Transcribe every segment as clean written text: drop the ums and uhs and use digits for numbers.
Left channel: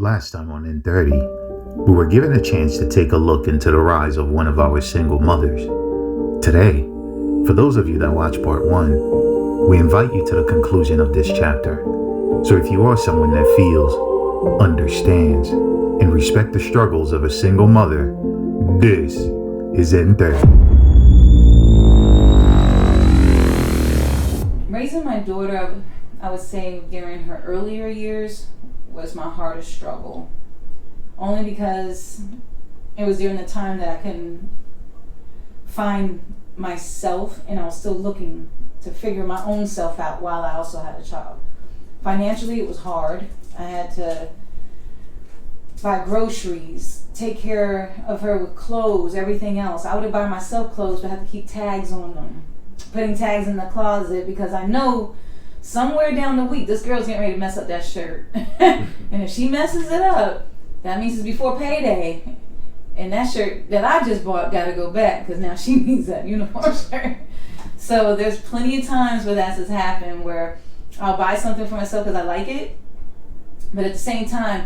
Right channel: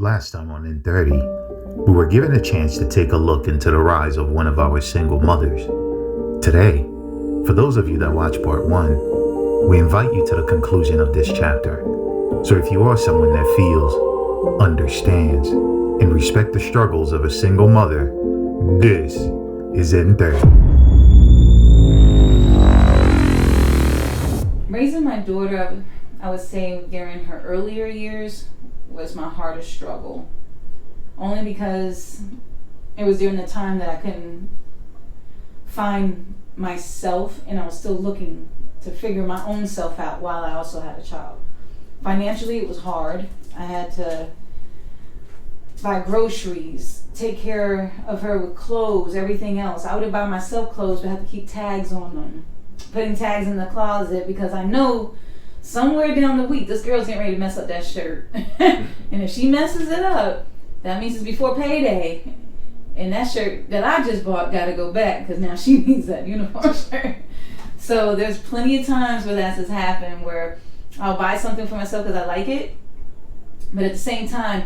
Last time on N30, we were given a chance to take a look into the rise of one of our single mothers. Today, for those of you that watch part 1, we invite you to the conclusion of this chapter. So if you are someone that feels, understands, and respects the struggles of a single mother, this is N30. Raising my daughter, I would say during her earlier years, was my hardest struggle. Only because it was during the time that I couldn't find myself and I was still looking to figure my own self out while I also had a child. Financially, it was hard. I had to buy groceries, take care of her with clothes, everything else. I would buy myself clothes, but I had to keep tags on them. Putting tags in the closet because I know somewhere down the week this girl's getting ready to mess up that shirt. And if she messes it up, that means it's before payday. And that shirt that I just bought got to go back because now she needs that uniform shirt. So there's plenty of times where that has happened where I'll buy something for myself because I like it. But at the same time,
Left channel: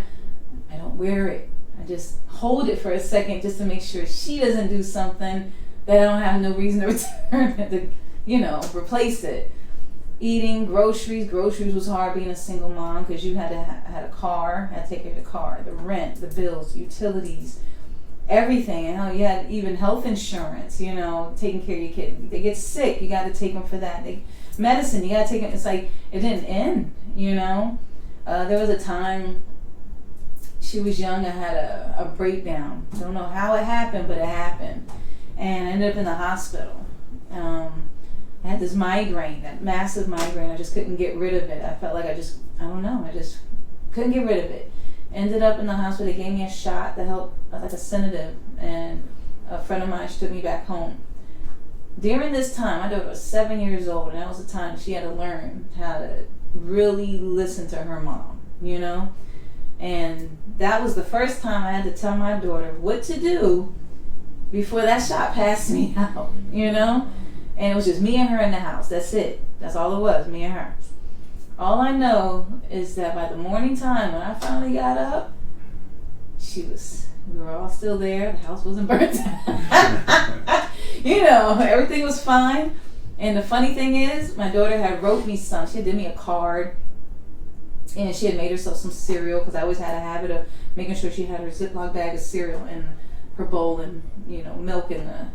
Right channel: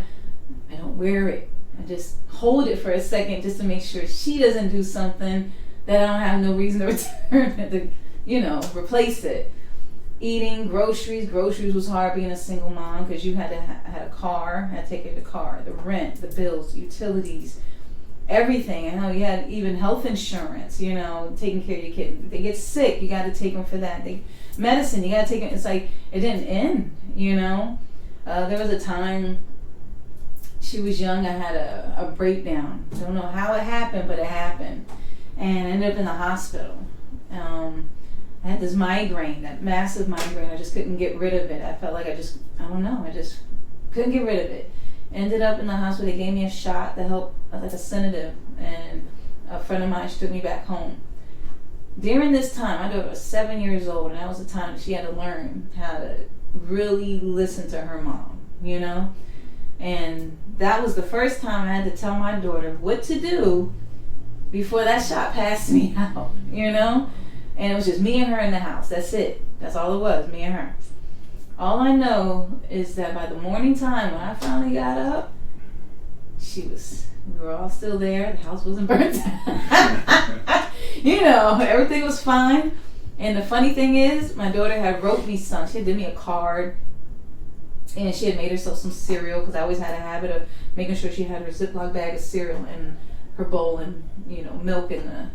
I don't wear it. I just hold it for a second just to make sure she doesn't do something that I don't have no reason to return it, to, replace it. Eating, groceries was hard being a single mom because you had to had a car, had to take care of the car, the rent, the bills, utilities, everything. And you had even health insurance, taking care of your kid. If they get sick, you got to take them for that. Medicine, you got to take them. It's like it didn't end, There was a time she was young, I had a breakdown. Don't know how it happened, but it happened. And I ended up in the hospital. I had this migraine, that massive migraine. I just couldn't get rid of it. I felt like I just couldn't get rid of it. Ended up in the hospital. They gave me a shot to help, like a sedative, and a friend of mine, she took me back home. During this time, my daughter was 7 years old, and that was the time she had to learn how to really listen to her mom, And that was the first time I had to tell my daughter what to do before that shot passed me out, And it was just me and her in the house. That's it. That's all it was, me and her. All I know is that by the morning time when I finally got up, we were all still there. The house wasn't burnt down. Everything was fine. And the funny thing is, my daughter had wrote me some. She had given me a card. And she had made herself some cereal because I always had a habit of making sure she had her Ziploc bag of cereal in her bowl and, milk in the,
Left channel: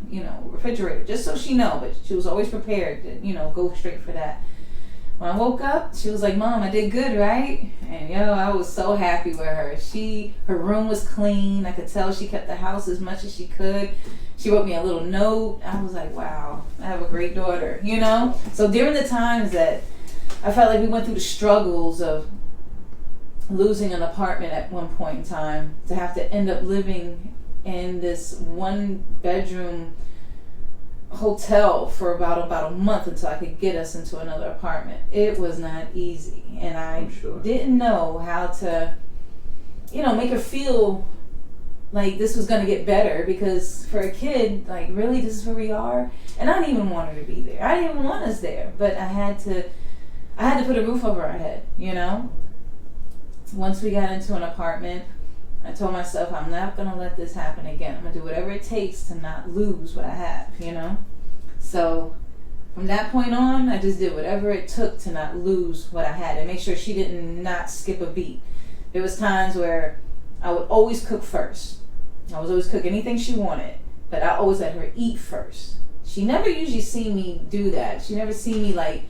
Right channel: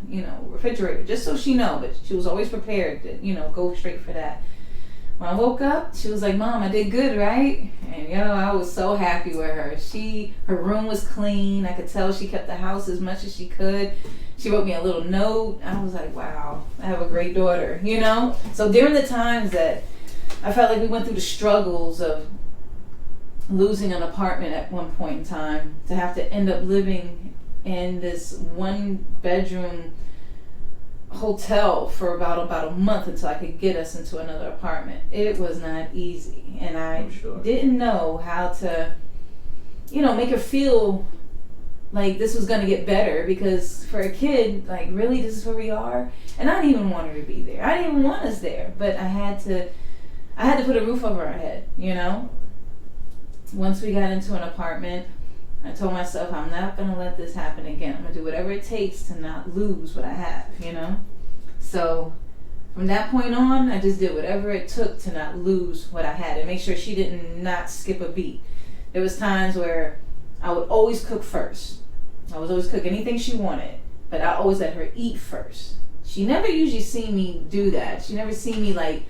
refrigerator, just so she know. But she was always prepared to, go straight for that. When I woke up, she was like, "Mom, I did good, right?" And, I was so happy with her. Her room was clean. I could tell she kept the house as much as she could. She wrote me a little note. I was like, wow, I have a great daughter, So during the times that I felt like we went through the struggles of losing an apartment at one point in time, to have to end up living in this 1-bedroom hotel for about a month until I could get us into another apartment. It was not easy, and I didn't know how to, make her feel like this was going to get better, because for a kid, like, really, this is where we are? And I didn't even want her to be there. I didn't even want us there, but I had to put a roof over our head, Once we got into an apartment, I told myself, I'm not going to let this happen again. I'm going to do whatever it takes to not lose what I have, So from that point on, I just did whatever it took to not lose what I had and make sure she didn't not skip a beat. There was times where I would always cook first. I was always cook anything she wanted, but I always let her eat first. She never usually seen me do that. She never seen me like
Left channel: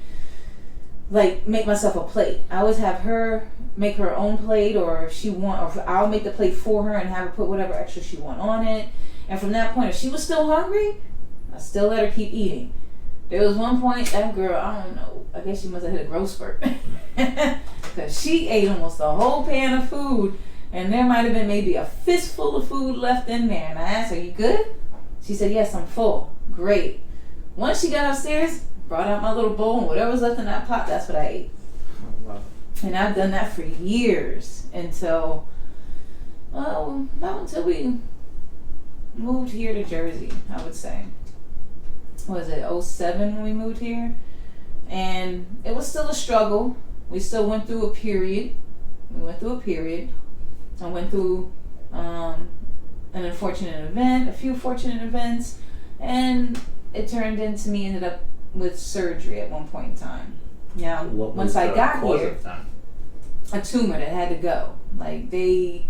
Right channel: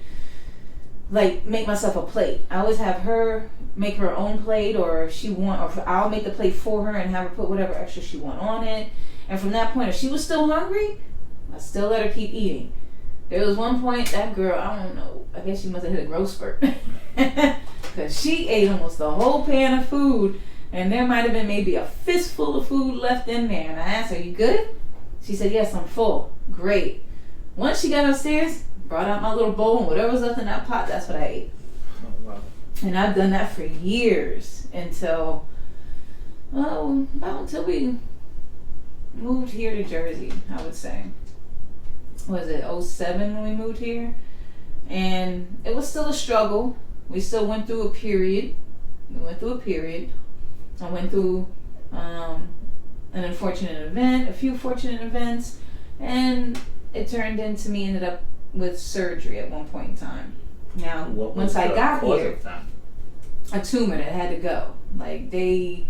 make myself a plate. I always have her make her own plate, or I'll make the plate for her and have her put whatever extra she want on it. And from that point, if she was still hungry, I still let her keep eating. There was one point, that girl, I don't know, I guess she must have hit a growth spurt. Because she ate almost the whole pan of food, and there might have been maybe a fistful of food left in there. And I asked her, "You good?" She said, "Yes, I'm full." Great. Once she got upstairs, brought out my little bowl, and whatever was left in that pot, that's what I ate. And I've done that for years until we moved here to Jersey, I would say. Was it 2007 when we moved here? And it was still a struggle. We still went through a period. I went through an unfortunate event, a few fortunate events, and it turned into me ended up with surgery at one point in time. Now, once I got here, a tumor that had to go. Like the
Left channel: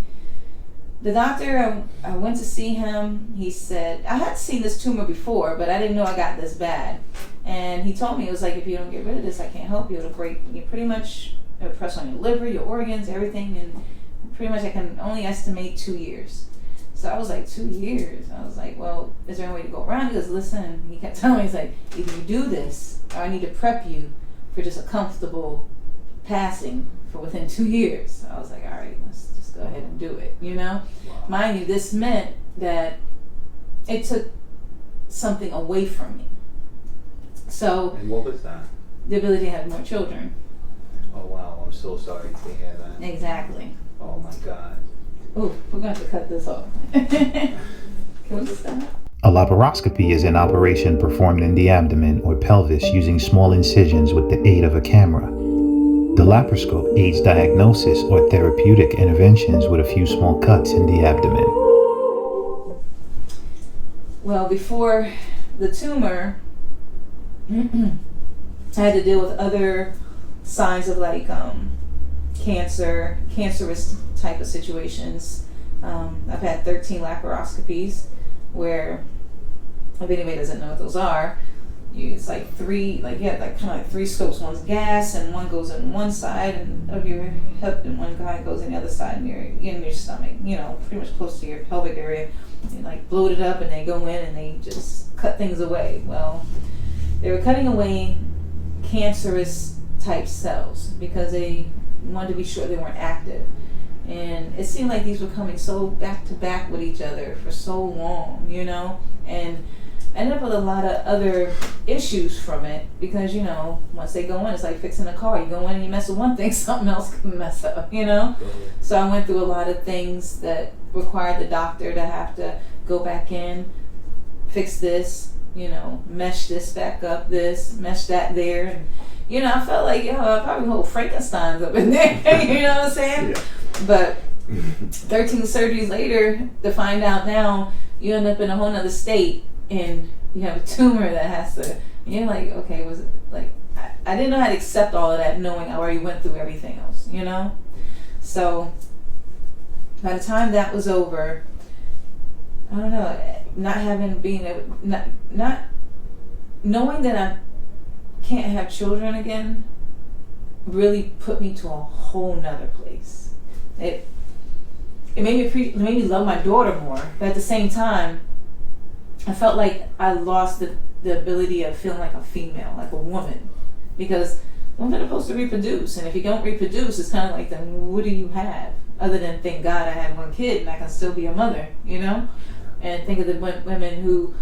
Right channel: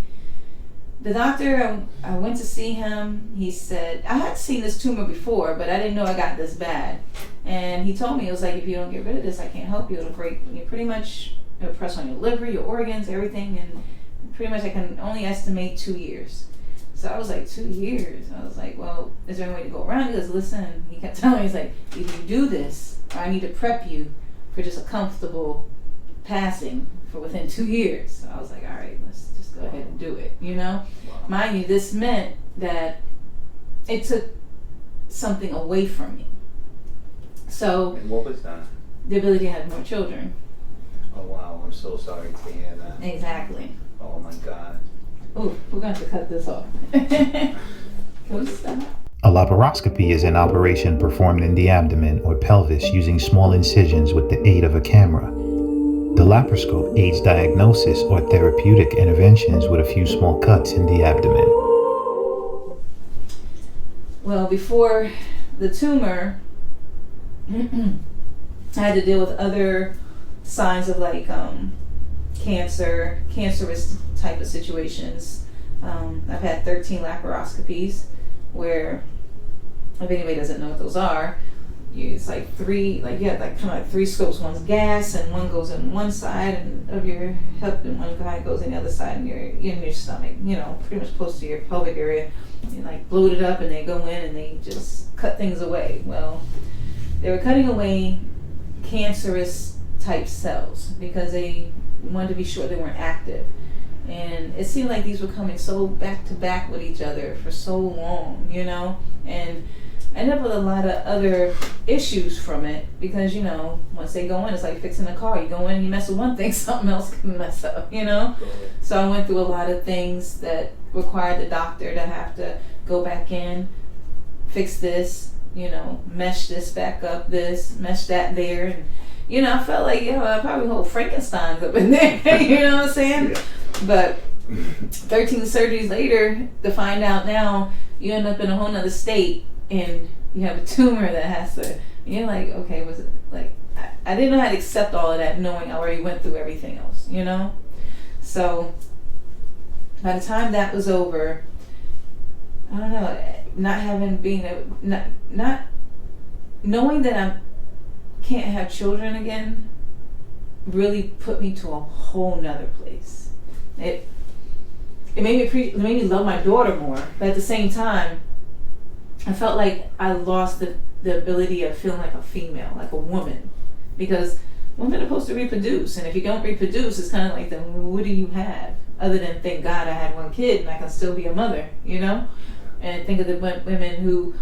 doctor, I went to see him. He said, I had seen this tumor before, but I didn't know I got this bad. And he told me, it was like, if you don't get rid of this, I can't help you. It'll break, you pretty much, it'll press on your liver, your organs, everything. And pretty much I can only estimate 2 years. So I was like, 2 years? I was like, well, is there any way to go around? He goes, listen, he kept telling me, he's like, if you do this, or I need to prep you for just a comfortable passing for within 2 years. So I was like, all right, let's just go ahead and do it, you know? Wow. Mind you, this meant that it took something away from me. So, and what was that? The ability to have more children. Oh wow, I'm so sorry to hear that. Exactly. Oh my God. Ooh, we're going to have to cut this off. Can we stop? A laparoscopy is an operation performed in the abdomen or pelvis using small incisions with the aid of a camera. The laparoscope aids diagnosis or therapeutic interventions with a few small cuts in the abdomen. Well, before the tumor, I had to deal with other signs of like cancerous type of situations. I've had 13 laparoscopies where, if anybody doesn't know what those are, it's like three, like you have like kind of like 3 scopes. One's gas, and one goes in one side of your hip, and one guy goes in the other side in your stomach. You know, pretty much close to your pelvic area. And like bloat it up, and they go in and they just cut things away. Well, they were cutting away cancerous type cells because they wanted to be sure they weren't active. And it seemed like these were coming so back to back with each other for so long, you know? And I ended up with a lot of other issues from it because, you know, once they go in, it's like fixing a car. You go in and you mess with one thing, something else can mess up, you know? So I went through a lot of things that required the doctor to have to go back in, fix this, you know, mesh this back up, this, mesh that there. And, you know, I felt like, you know, I probably hold Frankenstein's up in there, you know what I'm saying? Yeah. But 13 surgeries later, to find out now, you end up in a whole nother state and you have a tumor that has to, you're like, okay, was it like, I didn't know how to accept all of that knowing I already went through everything else, you know? So by the time that was over, I don't know, not knowing that I can't have children again really put me to a whole nother place. It made me love my daughter more, but at the same time, I felt like I lost the ability of feeling like a female, like a woman, because women are supposed to reproduce, and if you don't reproduce, it's kind of like, then what do you have other than thank God I had one kid and I can still be a mother, you know? And think of the women who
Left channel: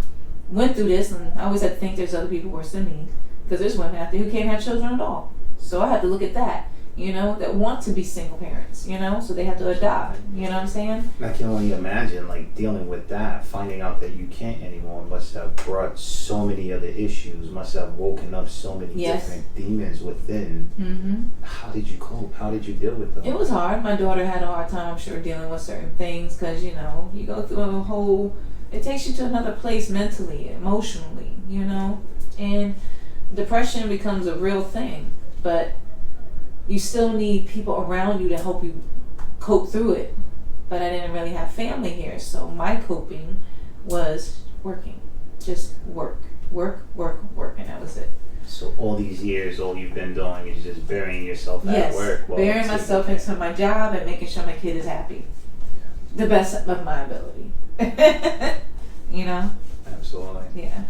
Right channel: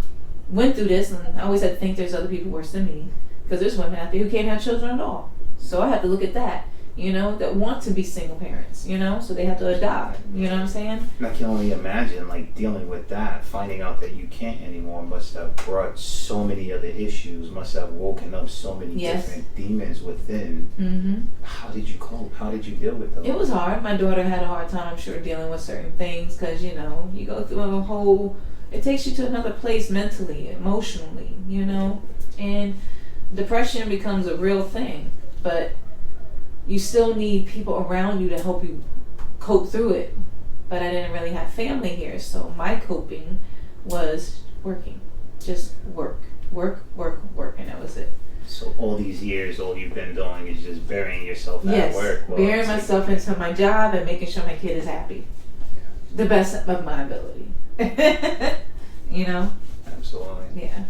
went through this, and I always had to think there's other people worse than me, because there's women out there who can't have children at all. So I had to look at that, you know, that want to be single parents, you know, so they have to adopt, you know what I'm saying? I can only imagine, like, dealing with that, finding out that you can't anymore must have brought so many other issues, must have woken up so many different demons within. Mm-hmm. How did you cope? How did you deal with those? It was hard. My daughter had a hard time, I'm sure, dealing with certain things, because, you know, you go through a whole, it takes you to another place mentally, emotionally, you know, and depression becomes a real thing, but you still need people around you to help you cope through it. But I didn't really have family here, so my coping was working. Just work, and that was it. So all these years, all you've been doing is just burying yourself at work. Yes, burying myself into my job and making sure my kid is happy. The best of my ability. You know? Absolutely. Yeah.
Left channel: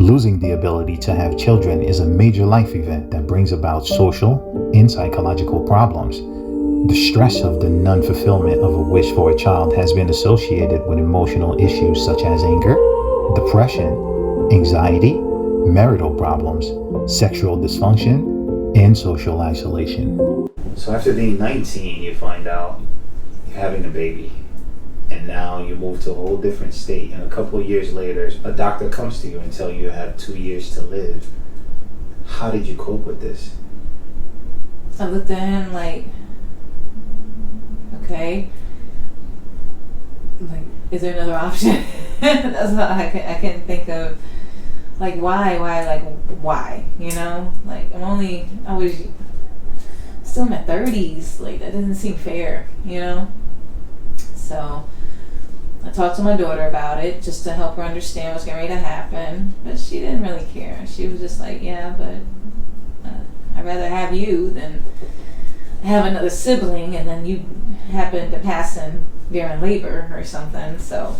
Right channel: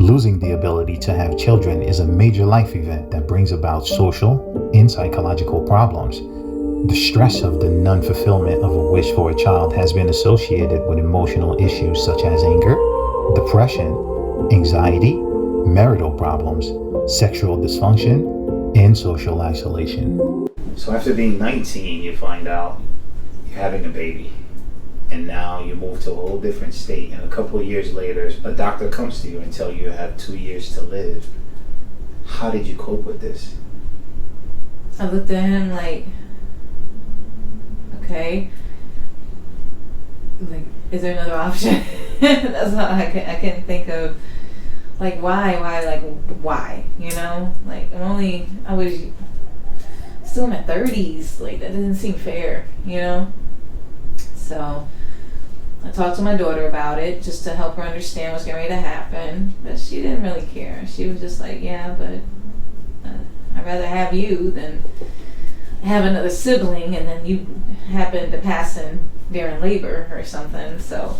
Losing the ability to have children is a major life event that brings about social and psychological problems. The stress of the non-fulfillment of a wish for a child has been associated with emotional issues such as anger, depression, anxiety, marital problems, sexual dysfunction, and social isolation. So after being 19, you find out you're having a baby. And now you move to a whole different state, and a couple of years later, a doctor comes to you and tells you you have 2 years to live. How did you cope with this? I looked at him like, okay, is there another option? That's how I can think of, like, why, you know? Like, I was still in my 30s, like, that doesn't seem fair, you know? So I talked to my daughter about it just to help her understand what's getting ready to happen, but she didn't really care. She was just like, yeah, but I'd rather have you than have another sibling, and then you happen to pass in during labor or something. So,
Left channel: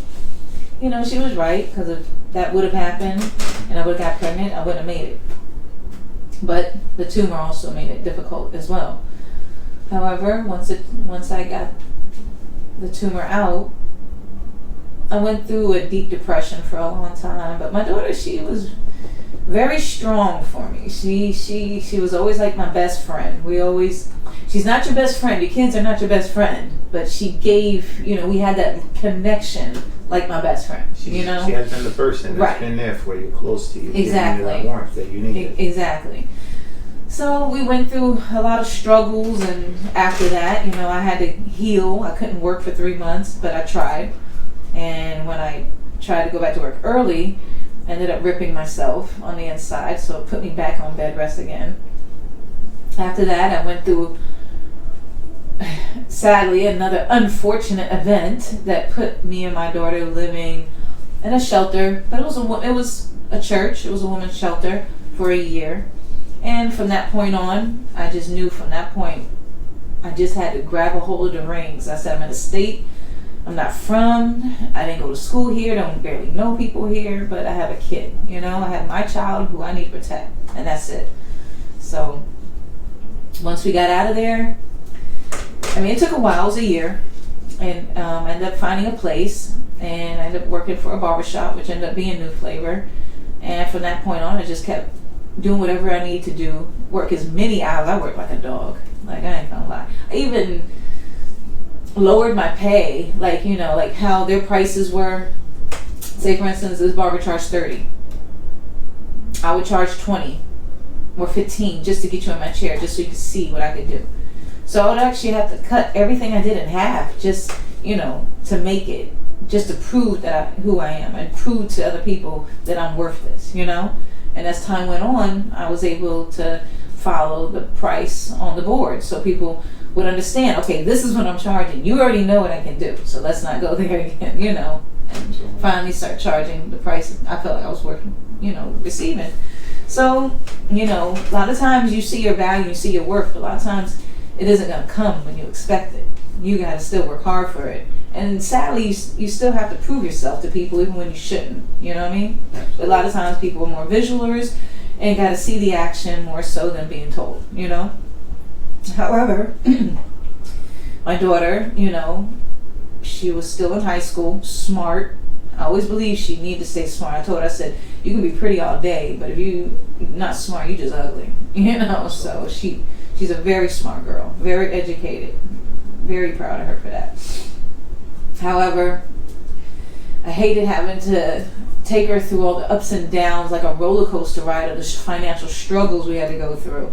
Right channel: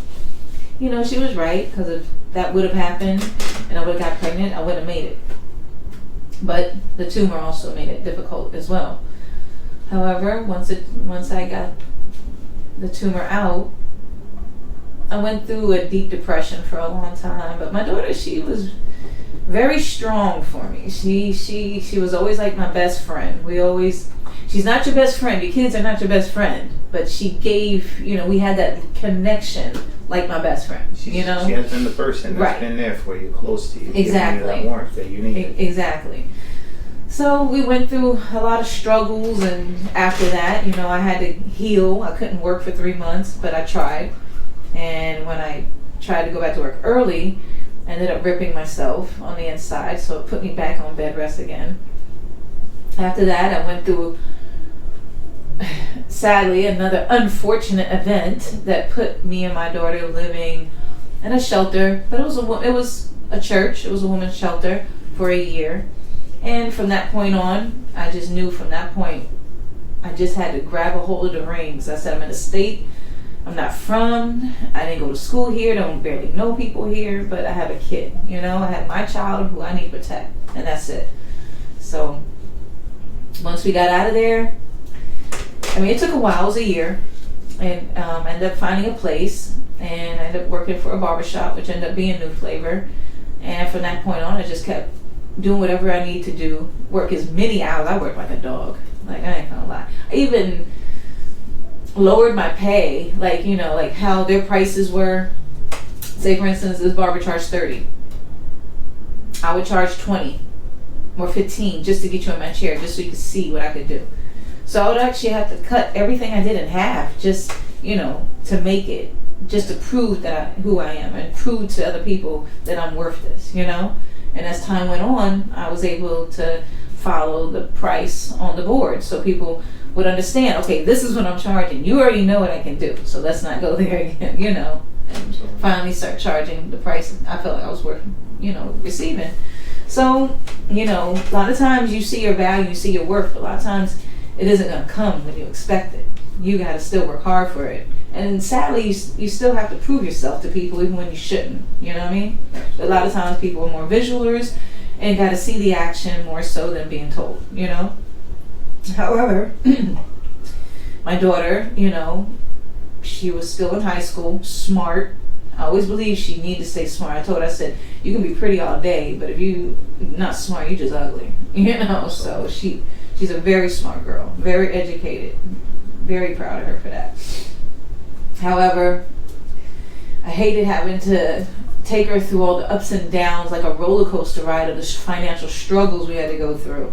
you know, she was right, because if that would have happened and I would have got pregnant, I wouldn't have made it. But the tumor also made it difficult as well. However, once I got the tumor out, I went through a deep depression for a long time. But my daughter, she was very strong for me. She was always like my best friend. She's not your best friend. Your kids are not your best friend. But she gave, you know, we had that connection like my best friend. You know, she has been the person that's right. been there for you, close to you. Exactly. That warmth that you need. Exactly. So we went through a lot of struggles, and after that, you know, I had to heal. I couldn't work for 3 months, but I tried. And when I tried to go back to work early, I ended up ripping myself on the inside, so it put me back on bed rest again. After that, I went through, sadly, another unfortunate event that put me and my daughter living in a shelter, but it was a church. It was a women's shelter for a year. And from that point on, I just knew from that point, I just had to grab a hold of the reins. I said, I'm in a state I'm not from. I didn't go to school here. Don't barely know people here. But I have a kid. You know, I have my child who I need to protect. And that's it. So once we got out of there, I mean, it took a while. It was a year. And I ended up finding a place. And I ended up working for a barbershop, which ended up being New Flavor. And from that point on, I just kept doing whatever I need to do. Work as many hours. I worked like a dog. Like, I ain't gonna lie. I even lowered my pay, like, you know, like how their prices were. Say, for instance, this barber charged 30. I would charge 20 or 15 just to get you in my chair, just so you could see what I could do. So I would actually have to cut everything I did in half, just, you know, to make it, just to prove that who I am and prove to other people that I'm worth this, you know. And as time went on, I was able to follow the price on the board, so people would understand, okay, this is what I'm charging. You already know what I can do, so let's not go there again, you know. And finally start charging the price I felt like I was worth, you know, receiving. So, you know, a lot of times you see your value, you see your worth, but a lot of times it isn't going to come when you expect it. You got to still work hard for it. And sadly, you still have to prove yourself to people even when you shouldn't, you know what I mean? But a lot of times people are more visualers and got to see the action more so than being told, you know? However, my daughter, you know, she was still in high school, smart. I always believed she needed to stay smart. I told her, I said, you can be pretty all day, but if you not smart, you're just ugly, you know? So she's a very smart girl, very educated, very proud of her for that. However, I hated having to take her through all the ups and downs, like a roller coaster ride of the financial struggles we had to go through.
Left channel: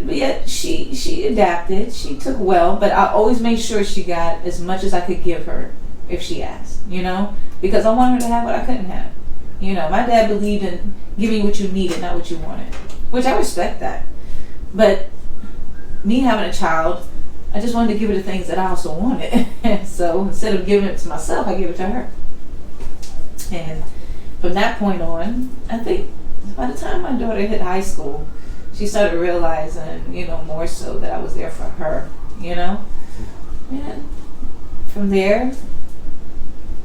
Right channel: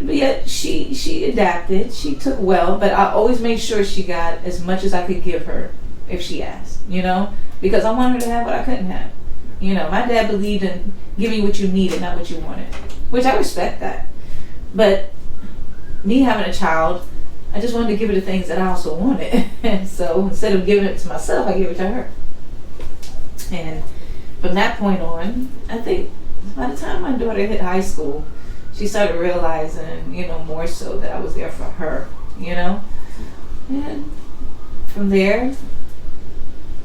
But yet she adapted. She took well, but I always made sure she got as much as I could give her if she asked, you know, because I wanted her to have what I couldn't have. You know, my dad believed in giving what you needed, not what you wanted, which I respect that. But me having a child, I just wanted to give her the things that I also wanted. So instead of giving it to myself, I gave it to her. And from that point on, I think by the time my daughter hit high school, she started realizing, you know, more so that I was there for her, you know. And from there,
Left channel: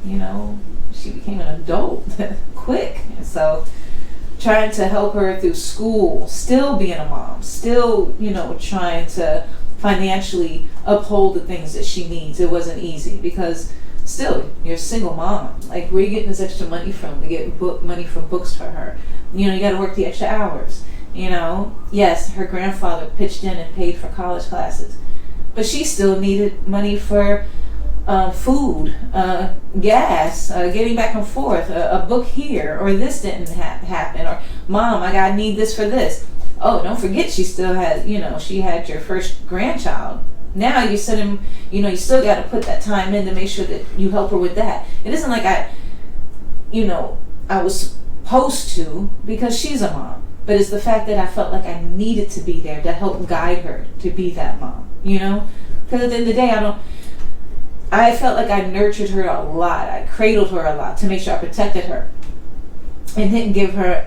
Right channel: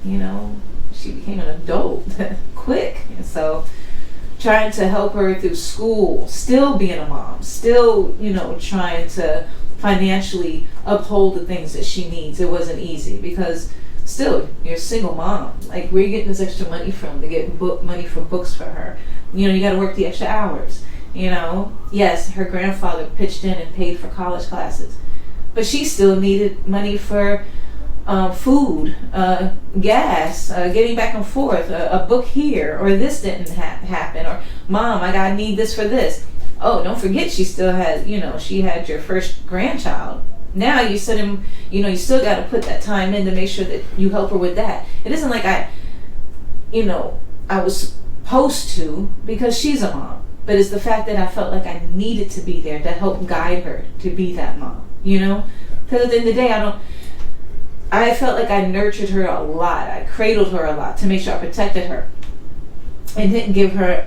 you know, she became an adult quick. And so trying to help her through school, still being a mom, still, you know, trying to financially uphold the things that she needs. It wasn't easy because still, you're a single mom. Like, where are you getting this extra money from to get money for books for her? You know, you got to work the extra hours. You know, yes, her grandfather pitched in and paid for college classes, but she still needed money for food, gas, getting back and forth, a book here, or this didn't happen, or Mom, I need this for this. Oh, don't forget, she still had, you know, she had your first grandchild Now you send him, you still got to put that time in to make sure that you help her with that. It isn't like I was supposed to, because she's a mom, but it's the fact that I felt like I needed to be there to help guide her to be that mom, because at the end of the day, I felt like I nurtured her a lot. I cradled her a lot to make sure I protected her and didn't give her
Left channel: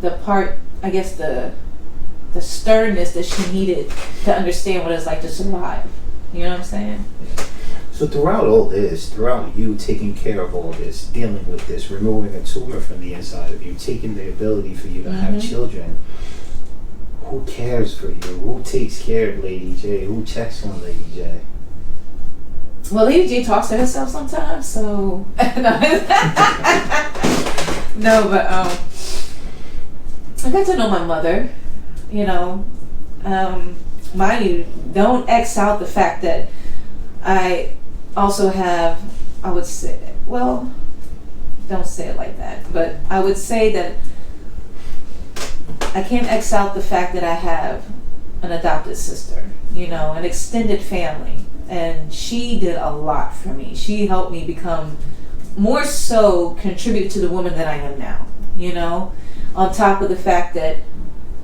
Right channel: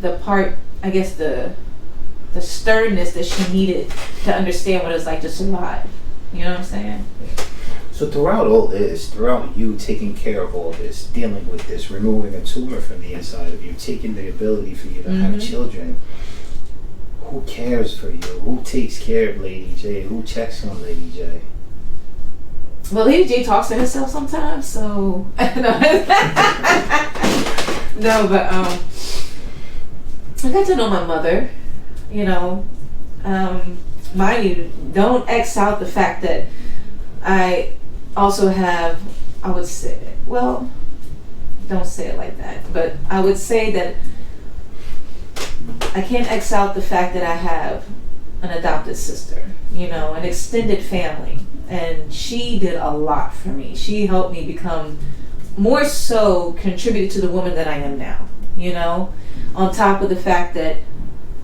the part, I guess, the sternness that she needed to understand what it's like to survive. You know what I'm saying? So throughout all this, throughout you taking care of all this, dealing with this, removing a tumor from the inside of you, taking the ability for you to have children, who cares for you? Who takes care of Lady J? Who checks on Lady J? Well, Lady J talks to herself sometimes, so no, but I got to know my mother. Mind you, don't X out the fact that I also have, I would say, well, don't say it like that, but I would say that I can't X out the fact that I have an adopted sister, an extended family, and she did a lot for me. She helped me become more so contributed to the woman that I am now, on top of the fact that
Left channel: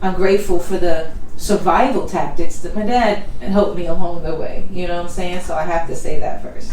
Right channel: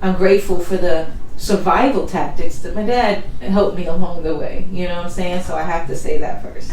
I'm grateful for the survival tactics that my dad helped me along the way. You know what I'm saying? So I have to say that first.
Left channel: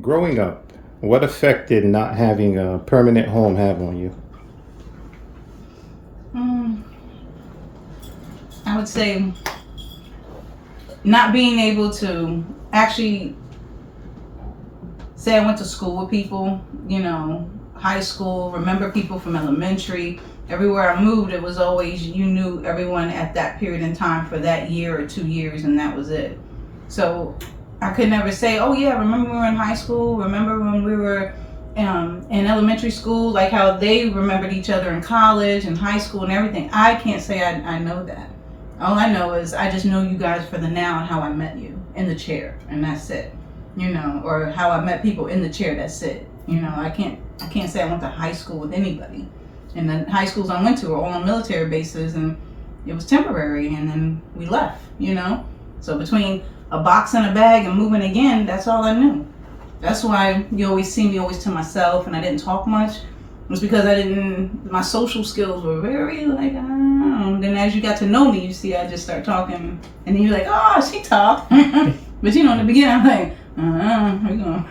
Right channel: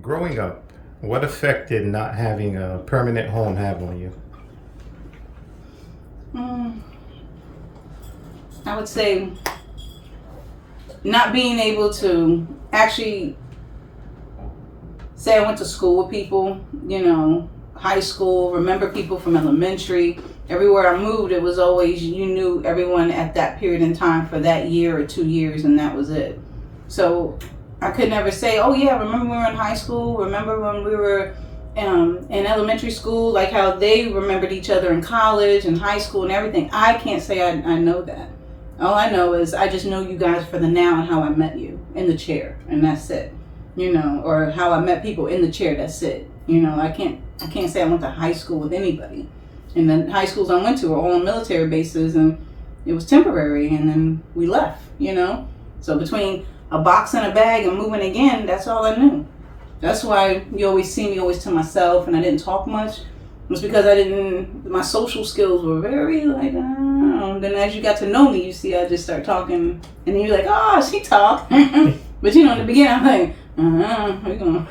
Growing up, what effect did not having a permanent home have on you? I would say not being able to actually say I went to school with people, high school, remember people from elementary. Everywhere I moved, it was always, you knew everyone at that period in time for that year or 2 years, and that was it. So I could never say, oh yeah, remember when we were in high school? Remember when we were in elementary school? Like how they remembered each other in college and high school and everything. I can't say I know that. All I know is I just know you guys for the now and how I met you in the chair, and that's it. Or how I met people in the chair, that's it. I can't say I went to high school with anybody. And the high schools I went to were all on military bases, and it was temporary, and then we left, So between a box and a bag and moving again, that's all I knew. That's why you always see me always to myself, and I didn't talk much. It was because my social skills were very Then as you got to know me, you see I just start talking, and then you're like, oh, she talk. But in the beginning, I'm like, you know.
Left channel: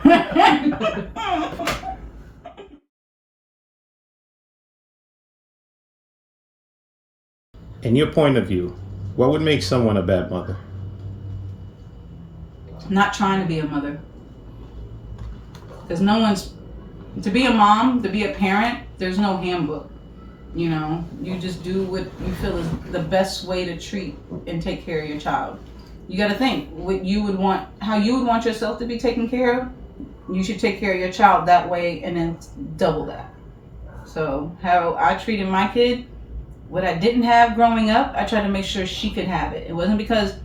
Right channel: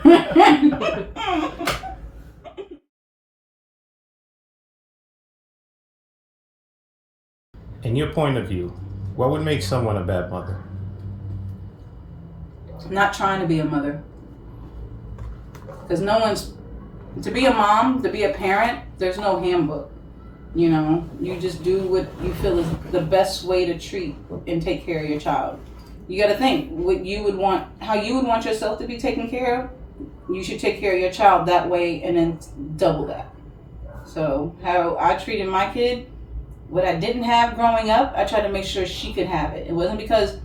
In your point of view, what would make someone a bad mother? Not trying to be a mother. Because no one's, to be a mom, to be a parent, there's no handbook. You know, you just do what you feel is the best way to treat and take care of your child. You got to think what you would want, how you would want yourself to be taken care of. You should take care of your child that way and then double that. So how I treated my kid, what I didn't have growing up, I tried to make sure she could have it. It wasn't because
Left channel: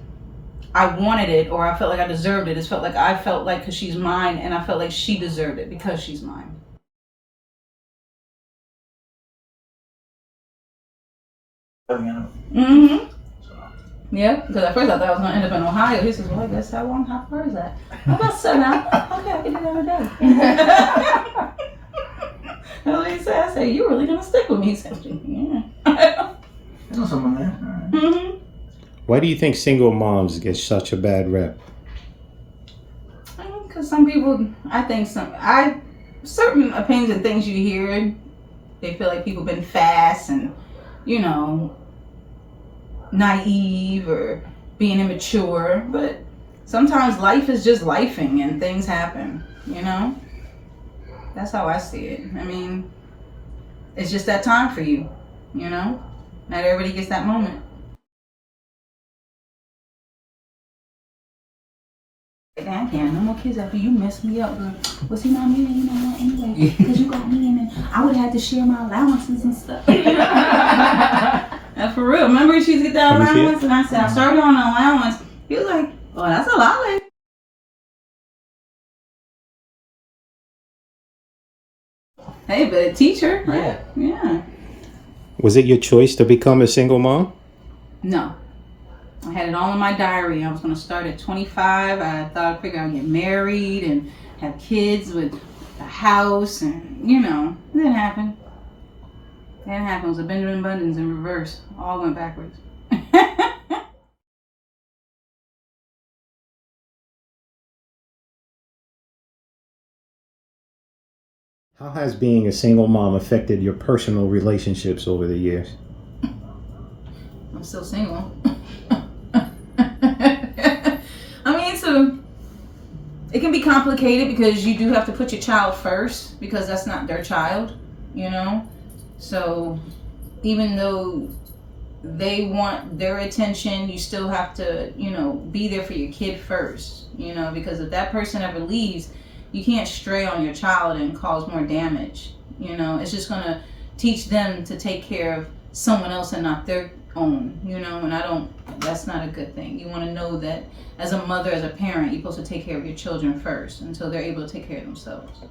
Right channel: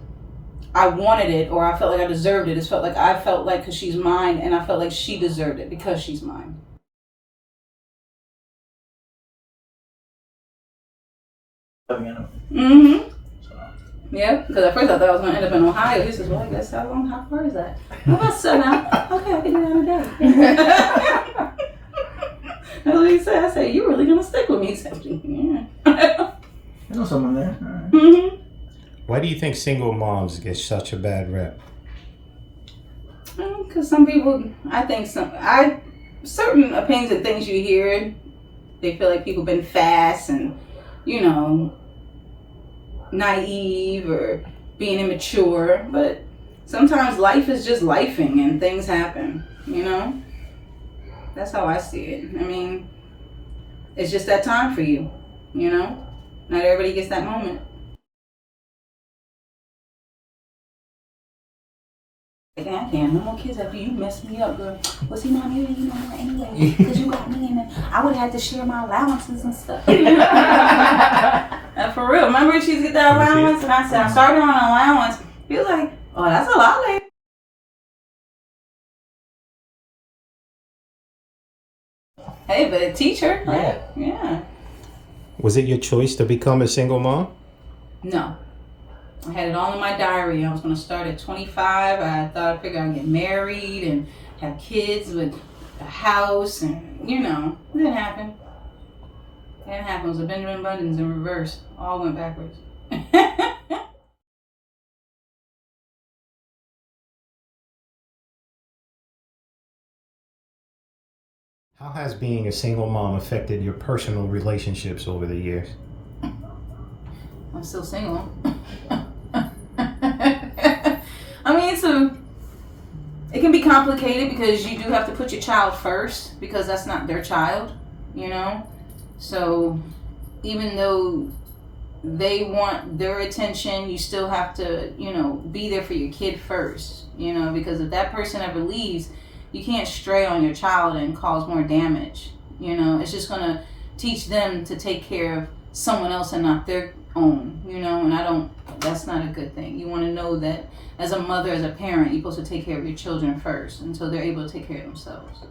I wanted it or I felt like I deserved it. It felt like I felt like because she's mine, and I felt like she deserved it because she's mine. Mm-hmm. Yeah, because at first I thought I was going to end up in Ohio. He says, well, I guess how far is that? About 7 hours. Okay, I can do that in a day. That's what he said. I said, you really going to stick with me? He said, yeah. Mm-hmm. Why do you think single moms get such a bad rep? Because some people, I think certain opinions and things you hear, they feel like people been fast and, you know, naive or being immature. But sometimes life is just lifing and things happen, you know? That's how I see it. I mean, it's just that time for you, you know? Not everybody gets that moment. I can't have no more kids after you messed me up, girl. Well, see, Mom, you ain't no more anyway, because you got me, and then I would have had to share my allowances and stuff. For real. Remember she used to get that allowance? And I said, I started on an allowance. He was like, oh, that's a lot, lady. Hey, but a teacher, right? Yeah. Was it your choice to become a single mom? No. I had it all in my diary. I was going to start at 25. I thought I figured I'd get married and have kids with a house and, you know, it didn't happen. It didn't happen. It was a Benjamin Buttons in reverse. All went backwards. How has being a single mom affected your personal relationships over the years? I'm still single. I mean, it can be complicated because you do have to put your child first because that's not their child, you know? So even though they want their attention, you still have to, you know, be there for your kid first, you know, because if that person ever leaves, you can't stray on your child and cause more damage, you know? It's just gonna teach them to take care of someone else and not their own, you know? And that's not a good thing. You wanna know that as a mother, as a parent, you're supposed to take care of your children first until they're able to take care of themselves.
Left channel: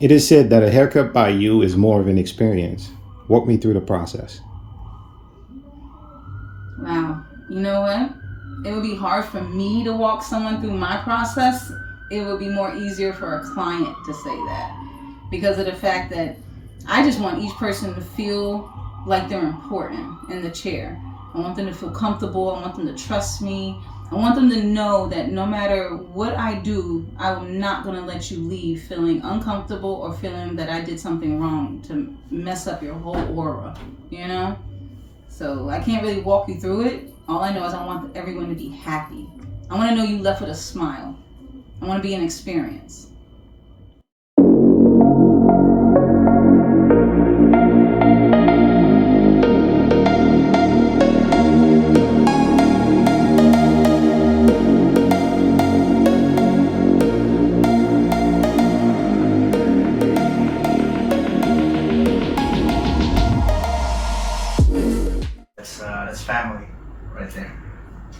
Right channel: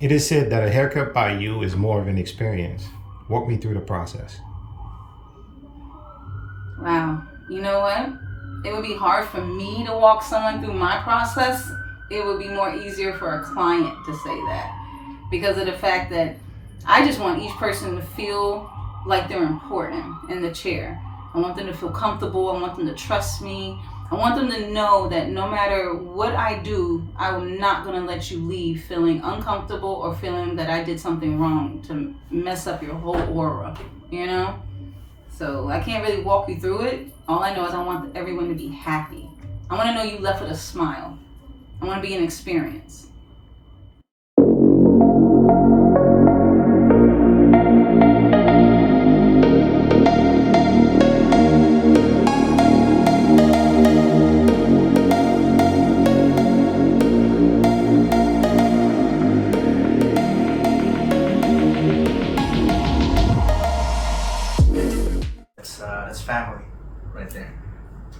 It is said that a haircut by you is more of an experience. Walk me through the process. Wow. You know what? It would be hard for me to walk someone through my process. It would be more easier for a client to say that because of the fact that I just want each person to feel like they're important in the chair. I want them to feel comfortable. I want them to trust me. I want them to know that no matter what I do, I'm not going to let you leave feeling uncomfortable or feeling that I did something wrong to mess up your whole aura, you know? So I can't really walk you through it. All I know is I want everyone to be happy. I want to know you left with a smile. I want to be an experience. That's family right there.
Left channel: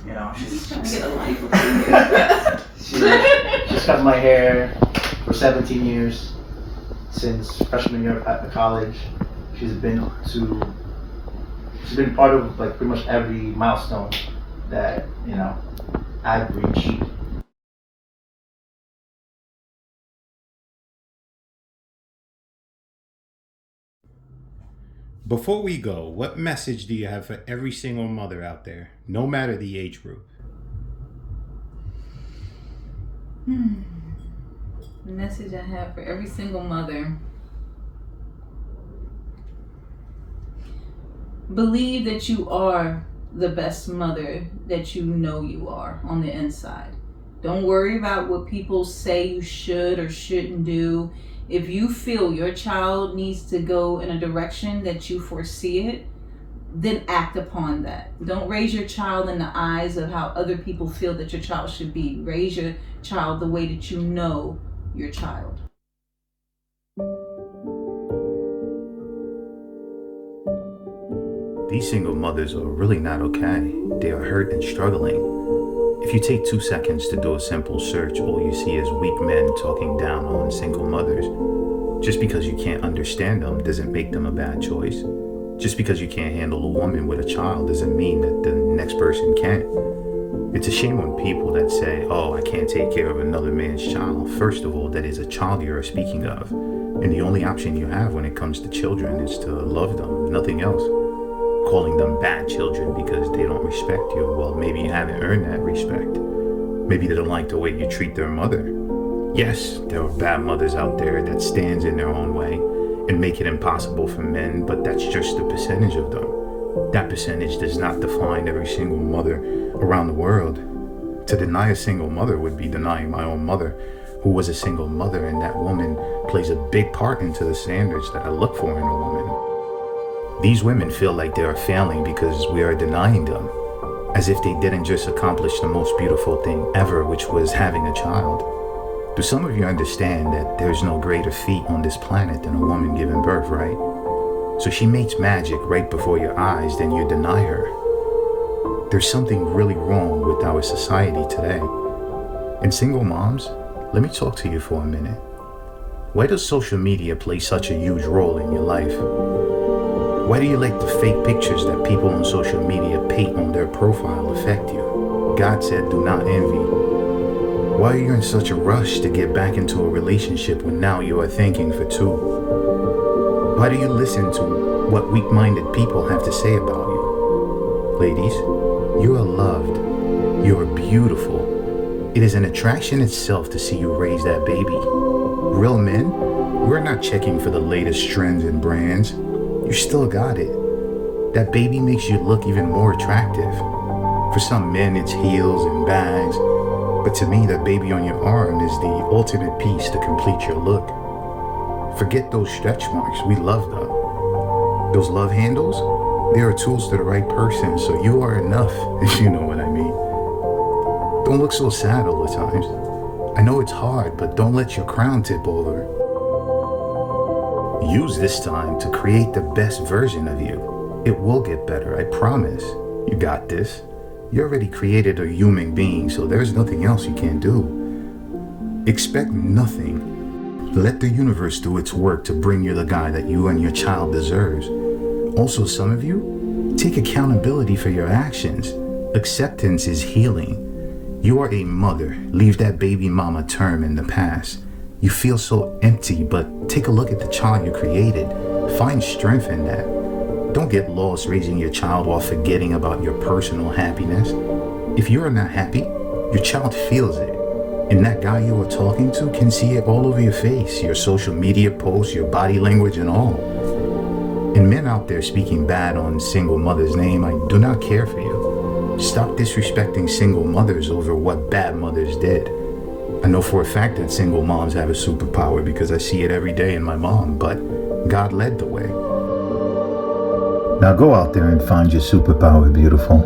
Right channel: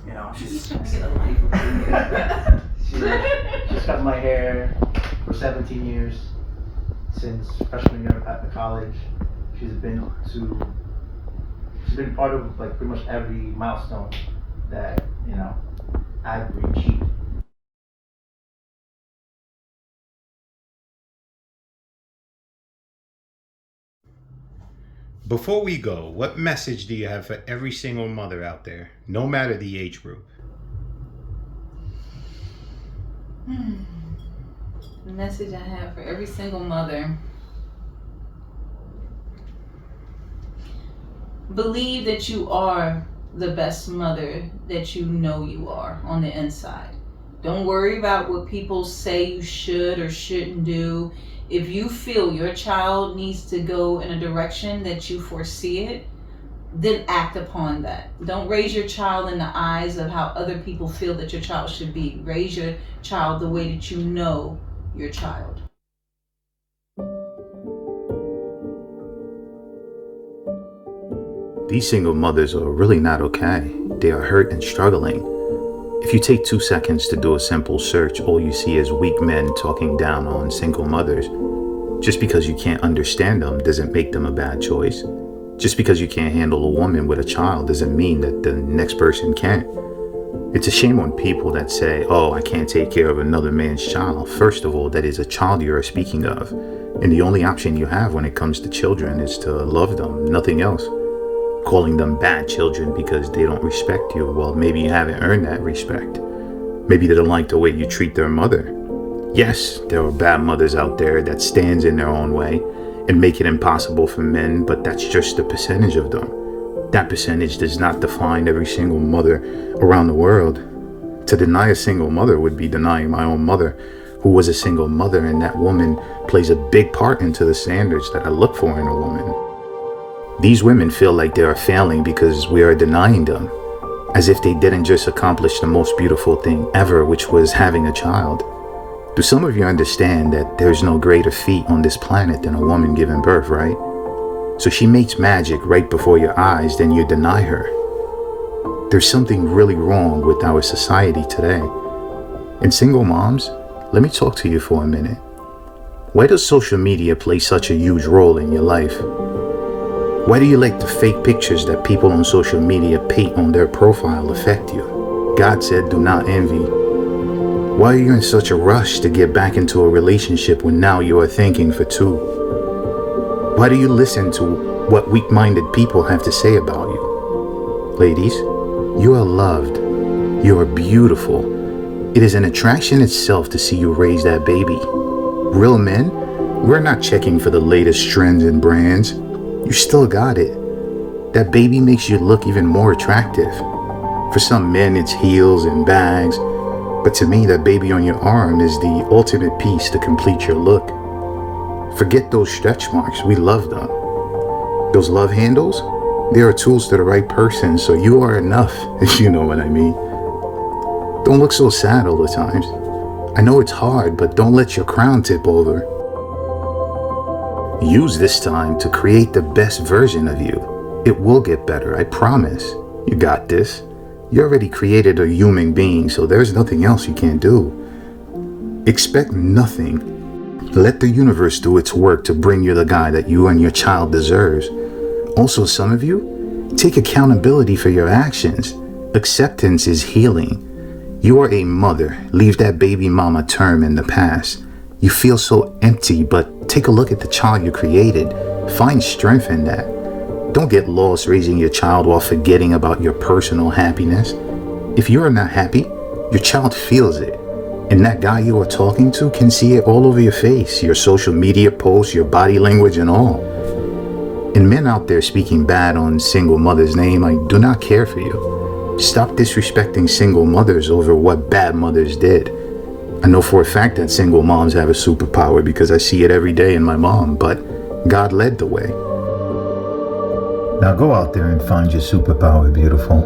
You know, she's cut my hair for 17 years since freshman year at college. She's been part of like pretty much every milestone that, you know, outreach. Before we go, what message do you have for every single mother out there, no matter the age group? The message I have for every single mother: believe that you are the best mother that you know you are on the inside. Don't worry about what people say you should or shouldn't do. If you feel your child needs to go in a direction that you foresee it, then act upon that. Don't raise your child in the eyes of how other people feel that your child should be. Raise your child the way that you know your child. These single mothers are really not okay. They are hurt and struggling. If you take 2 seconds to do a simple search, all you see is weak men talking down on single mothers. Just because you can't understand them doesn't make them a bad choice. Just because you can't handle a woman with a child doesn't mean that the next person can't. It's a shame on people that say, oh, I can't take care of another man's child. First of all, that is a child you are speaking of. And the only option you have when it comes to children is to love them, nothing else. Calling them bad children because they don't respect you, well, maybe you haven't earned that respect. Maybe they don't like the way you treat their mother. Yes, there are bad mothers out there that stands in their own way and make it impossible for men, but that's just a percentage of them. That percentage does not define every single mother around the world. To deny a single mother would be denying my own mother, who was a single mother, and that woman plays a big part into the standards that I look for in a woman. These women feel like they are failing because we are denying them, as if they didn't just accomplish the most beautiful thing ever, which was having a child. Do some of you understand that there's no greater feat on this planet than a woman giving birth, right? So she makes magic right before your eyes, then you deny her. There's something really wrong with our society today. And single moms, let me talk to you for a minute. Why does social media play such a huge role in your life? Why do you let the fake pictures that people on social media paint on their profile affect you? God said, do not envy. Why are you in such a rush to get back into a relationship when now you are thinking for two? Why do you listen to what weak-minded people have to say about you? Ladies, you are loved. You are beautiful. It is an attraction itself to see you raise that baby. Real men, we're not checking for the latest trends and brands. You still got it. That baby makes you look even more attractive. For some men, it's heels and bags. But to me, that baby on your arm is the ultimate piece to complete your look. Forget those stretch marks. We love them. Those love handles, they are tools to the right person, so you are enough, if you know what I mean. Don't look so sad all the time. I know it's hard, but don't let your crown tip over. Use this time to create the best version of you. It will get better, I promise. You got this. You already created a human being, so there's nothing else you can't do. Expect nothing. Let the universe do its work to bring you the guy that you and your child deserves. Also, some of you, take accountability for your actions. Acceptance is healing. You are a mother. Leave that baby mama term in the past. You feel so empty, but take a look at the child you created. Find strength in that. Don't get lost raising your child while forgetting about your personal happiness. If you are not happy, your child feels it. And that guy you are talking to can see it all over your face, your social media posts, your body language and all. And men out there speaking bad on single mothers' name, I do not care for you. Stop disrespecting single mothers over what bad mothers did. I know for a fact that single moms have a superpower because I see it every day in my mom, but God led the way. Now go out there and find your superpower, beautiful.